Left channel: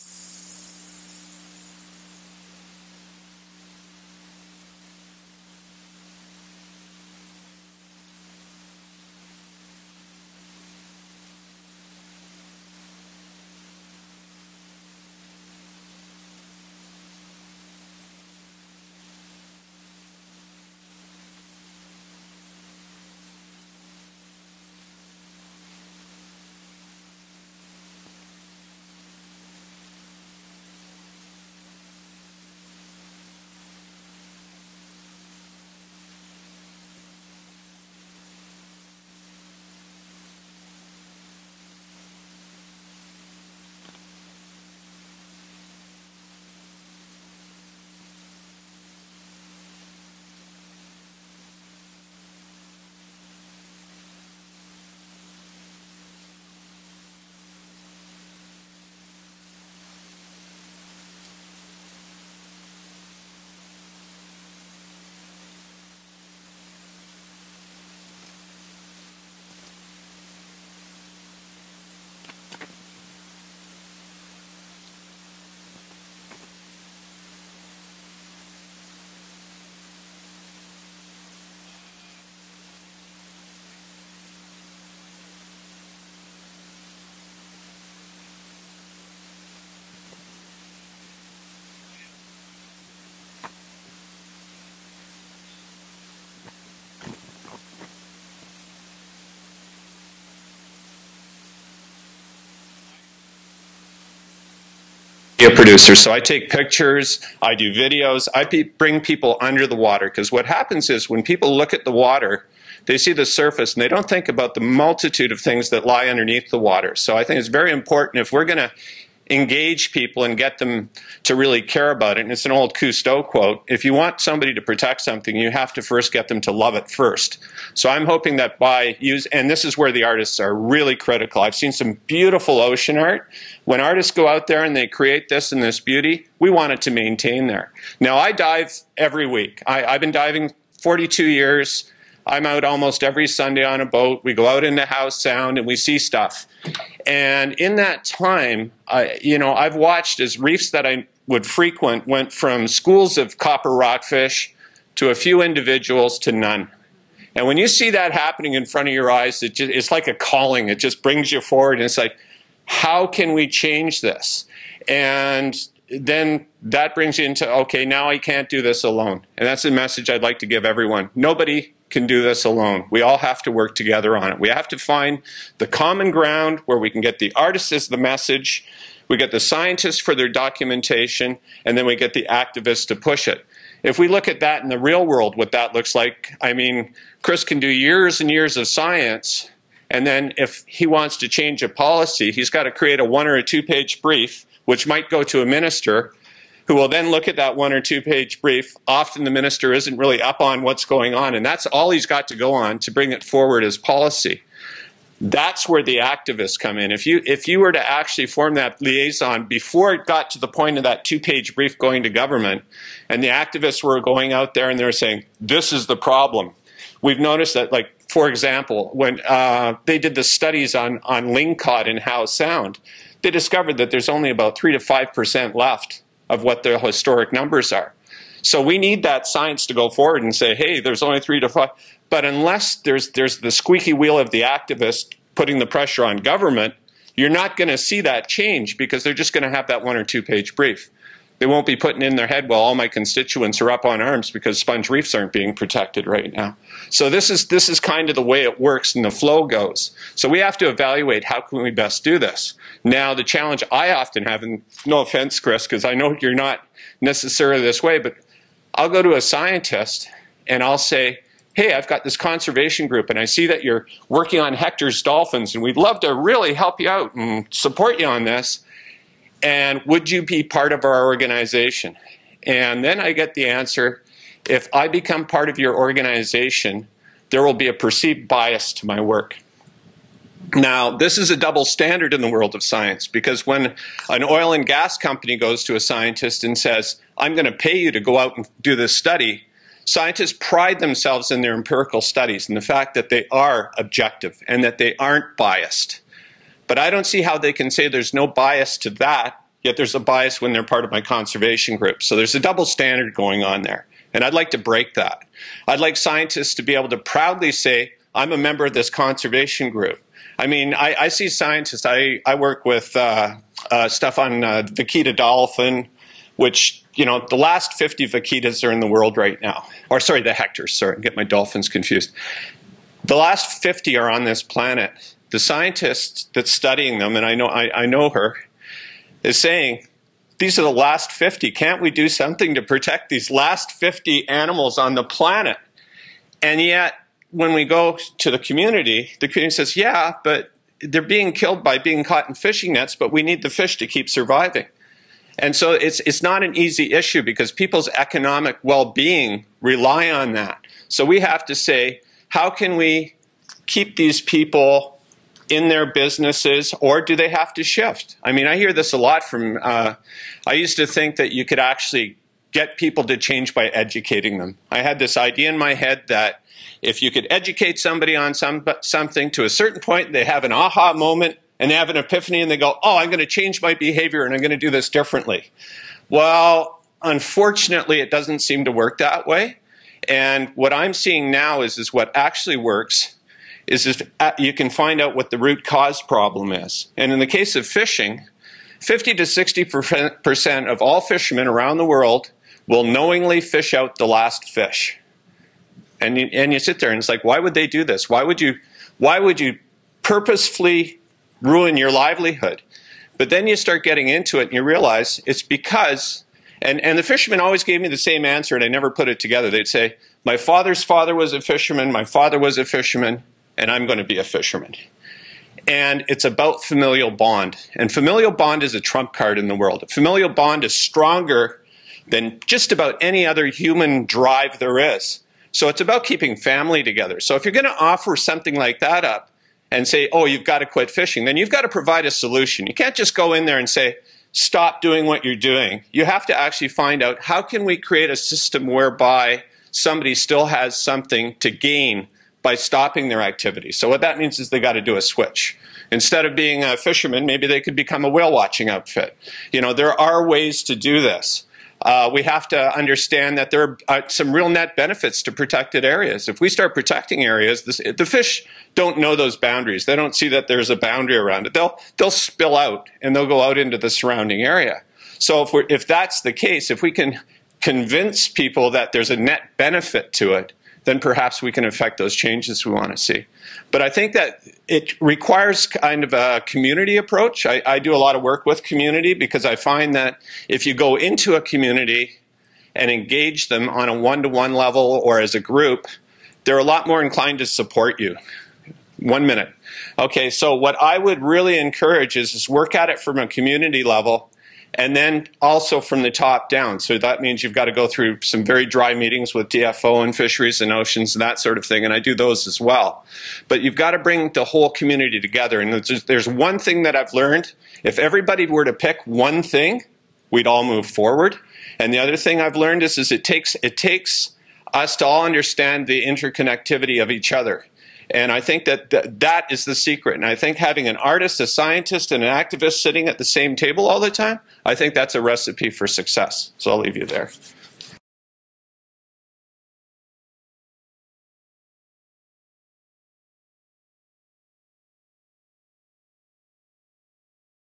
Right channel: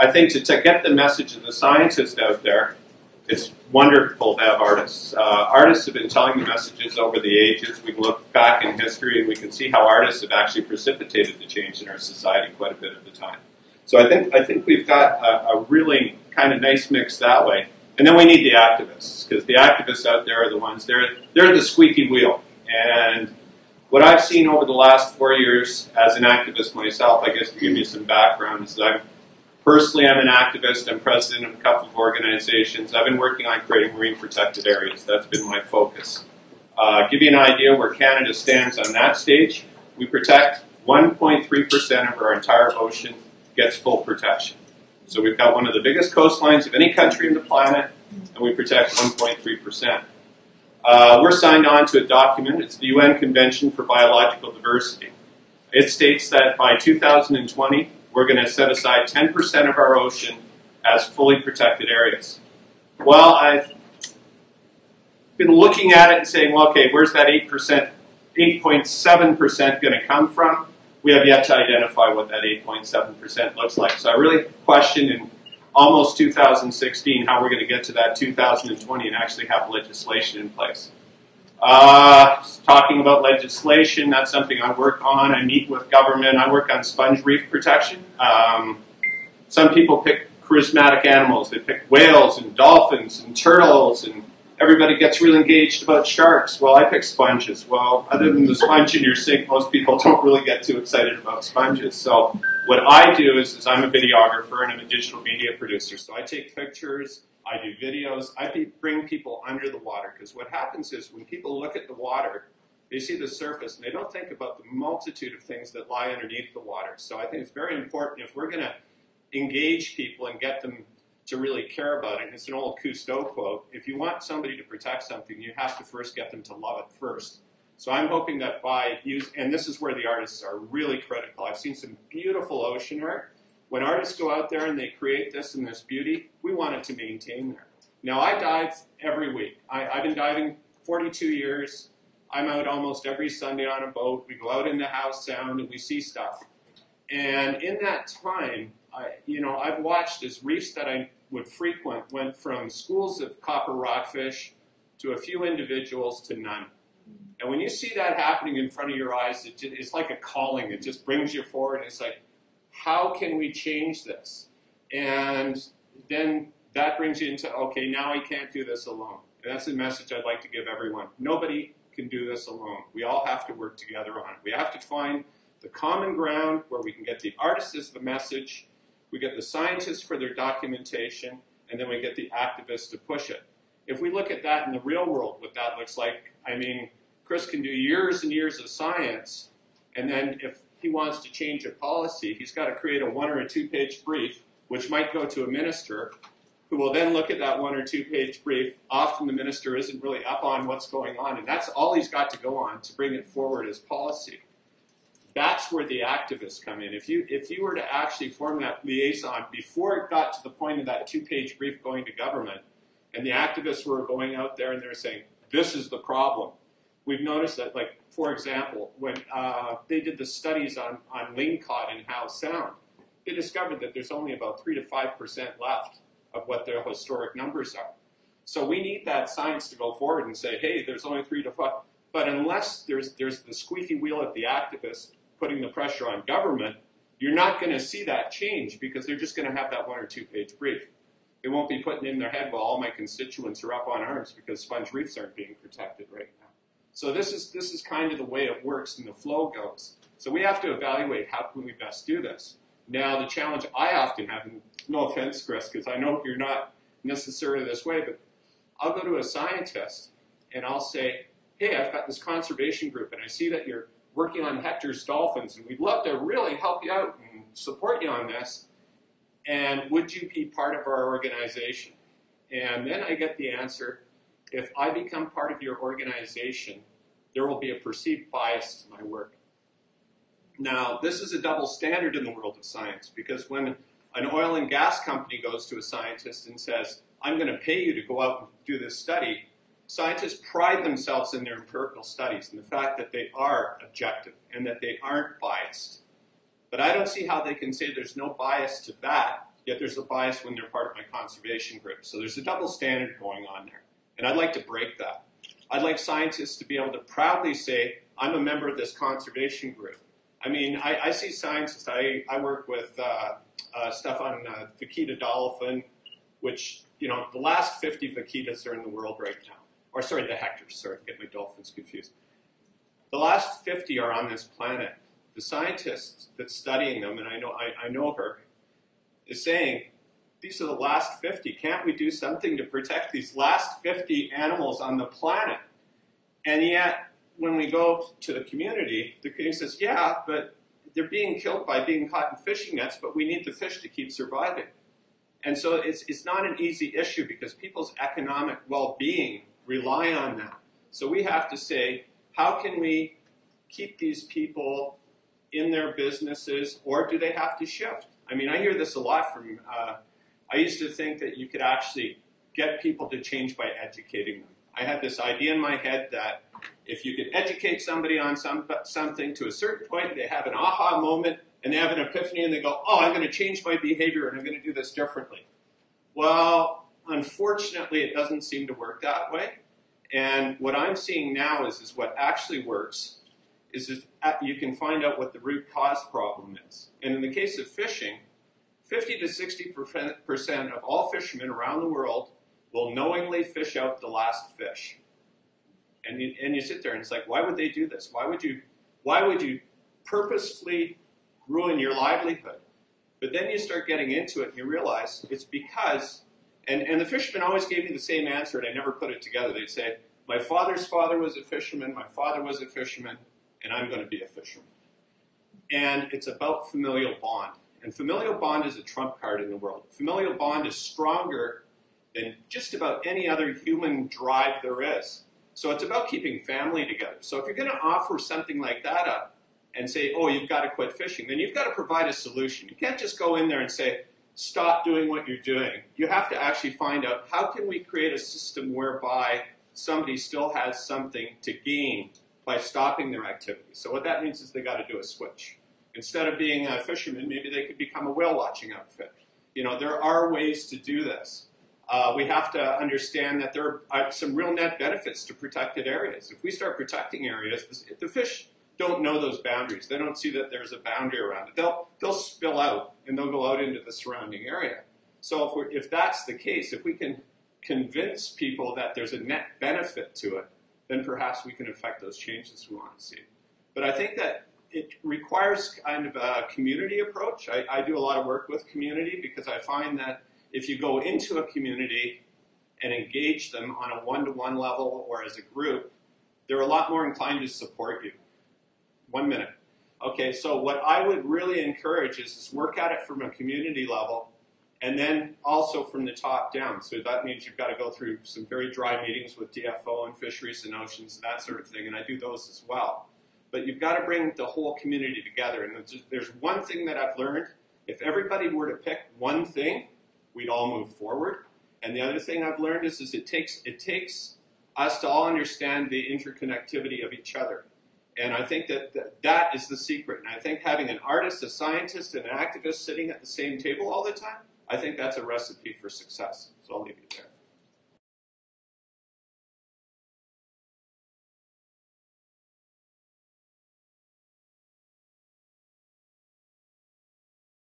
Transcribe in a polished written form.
I think to get the message of the scientist out there, it's wonderful to have artists. Artists have been telling the messages over the ages. We can look back in history and we can see how artists have actually precipitated the change in our society quite a bit of the time. So I think we've got a really kind of nice mix that way. And then we need the activists, because the activists out there are the ones, they're the squeaky wheel. And what I've seen over the last 4 years as an activist myself, I guess to give you some background, is that personally I'm an activist. I'm president of a couple of organizations. I've been working on creating marine protected areas. That's been my focus. Give you an idea where Canada stands on that stage. We protect 1.3% of our entire ocean gets full protection. So we've got one of the biggest coastlines of any country on the planet, and we protect 1.3%. We're signed on to a document. It's the UN Convention for Biological Diversity. It states that by 2020, we're going to set aside 10% of our ocean as fully protected areas. Well, I've been looking at it and saying, well, okay, where's that 8%, 8.7% going to come from? We have yet to identify what that 8.7% looks like. So I really question in almost 2016 how we're going to get to that 2020 and actually have legislation in place. Talking about legislation, that's something I work on. I meet with government. I work on sponge reef protection. Some people pick charismatic animals. They pick whales and dolphins and turtles, and everybody gets really engaged about sharks. Well, I pick sponges. Well, other than the sponge in your sink, most people don't really get too excited about sponges. So what I do is I'm a videographer and I'm a digital media producer. So I take pictures, I do videos, I bring people under the water. Because what happens is when people look at the water, they see the surface and they don't think about the multitude of things that lie underneath the water. So I think it's very important if we're going to engage people and get them to really care about it. And it's an old Cousteau quote, if you want somebody to protect something, you have to first get them to love it first. So I'm hoping that by and this is where the artists are really critical. I've seen some beautiful ocean art. When artists go out there and they create this and this beauty, we want it to maintain there. Now I dive every week. I've been diving 42 years. I'm out almost every Sunday on a boat. We go out into Howe Sound and we see stuff. And in that time, I've watched as reefs that I would frequent went from schools of copper rockfish to a few individuals to none. And when you see that happening in front of your eyes, it's like a calling. It just brings you forward. And it's like, how can we change this? And then that brings you into, okay, now I can't do this alone. And that's the message I'd like to give everyone. Nobody can do this alone. We all have to work together on it. We have to find the common ground where we can get the artists as the message, we get the scientists for their documentation, and then we get the activists to push it. If we look at that in the real world, what that looks like, I mean, Chris can do years and years of science, and then if he wants to change a policy, he's got to create a 1 or a 2-page brief, which might go to a minister, who will then look at that 1 or 2-page brief. Often the minister isn't really up on what's going on, and that's all he's got to go on to bring it forward as policy. That's where the activists come in. If you were to actually form that liaison before it got to the point of that 2-page brief going to government, and the activists were going out there and they were saying, this is the problem. We've noticed that, like, for example, when they did the studies on lingcod in Howe Sound, they discovered that there's only about 3 to 5% left of what their historic numbers are. So we need that science to go forward and say, hey, there's only 3 to 5. But unless there's the squeaky wheel of the activist putting the pressure on government, you're not going to see that change because they're just going to have that 1 or 2-page brief. They won't be putting in their head, well, all my constituents are up on arms because sponge reefs aren't being protected right now. So this is kind of the way it works and the flow goes. So we have to evaluate how can we best do this. Now, the challenge I often have, and no offense, Chris, because I know you're not necessarily this way, but I'll go to a scientist and I'll say, hey, I've got this conservation group and I see that you're working on Hector's dolphins and we'd love to really help you out and support you on this. And would you be part of our organization? And then I get the answer, if I become part of your organization, there will be a perceived bias to my work. Now, this is a double standard in the world of science, because when an oil and gas company goes to a scientist and says, I'm going to pay you to go out and do this study, scientists pride themselves in their empirical studies and the fact that they are objective and that they aren't biased. But I don't see how they can say there's no bias to that yet there's a bias when they're part of my conservation group. So there's a double standard going on there. And I'd like to break that. I'd like scientists to be able to proudly say, I'm a member of this conservation group. I mean, I see scientists, I work with stuff on vaquita dolphin, which, you know, the last 50 vaquitas are in the world right now. Or sorry, the hectares, sorry, I get my dolphins confused. The last 50 are on this planet. The scientist that's studying them, and I know her, is saying, these are the last 50. Can't we do something to protect these last 50 animals on the planet? And yet, when we go to the community says, yeah, but they're being killed by being caught in fishing nets, but we need the fish to keep surviving. And so it's not an easy issue because people's economic well-being rely on that. So we have to say, how can we keep these people in their businesses, or do they have to shift? I mean, I hear this a lot from, I used to think that you could actually get people to change by educating them. I had this idea in my head that if you could educate somebody on something to a certain point, they have an aha moment and they have an epiphany and they go, oh, I'm going to change my behavior and I'm going to do this differently. Well, unfortunately, it doesn't seem to work that way. And what I'm seeing now is what actually works is if you can find out what the root cause problem is. And in the case of fishing, 50 to 60% of all fishermen around the world will knowingly fish out the last fish. And you sit there and it's like, why would they do this? Why would you purposefully ruin your livelihood? But then you start getting into it and you realize it's because, and the fishermen always gave me the same answer and I never put it together. They'd say, my father's father was a fisherman, my father was a fisherman, and I'm going to be a fisherman. And it's about familial bond. And familial bond is a trump card in the world. A familial bond is stronger than just about any other human drive there is. So it's about keeping family together. So if you're going to offer something like that up and say, oh, you've got to quit fishing, then you've got to provide a solution. You can't just go in there and say, stop doing what you're doing. You have to actually find out, how can we create a system whereby somebody still has something to gain by stopping their activity? So what that means is they got to do a switch. Instead of being a fisherman, maybe they could become a whale watching outfit. You know, there are ways to do this. We have to understand that there are some real net benefits to protected areas. If we start protecting areas, the fish don't know those boundaries. They don't see that there's a boundary around it. They'll spill out and they'll go out into the surrounding area. So if that's the case, if we can convince people that there's a net benefit to it, then perhaps we can affect those changes we want to see. But I think that it requires kind of a community approach. I do a lot of work with community because I find that if you go into a community and engage them on a one-to-one level or as a group, they're a lot more inclined to support you. 1 minute. Okay, so what I would really encourage is work at it from a community level and then also from the top down. So that means you've got to go through some very dry meetings with DFO and fisheries and oceans and that sort of thing, and I do those as well. But you've got to bring the whole community together, and there's one thing that I've learned. If everybody were to pick one thing, we'd all move forward. And the other thing I've learned is it takes us to all understand the interconnectivity of each other. And I think that is the secret. And I think having an artist, a scientist, and an activist sitting at the same table all the time, I think that's a recipe for success. So I'll leave you there.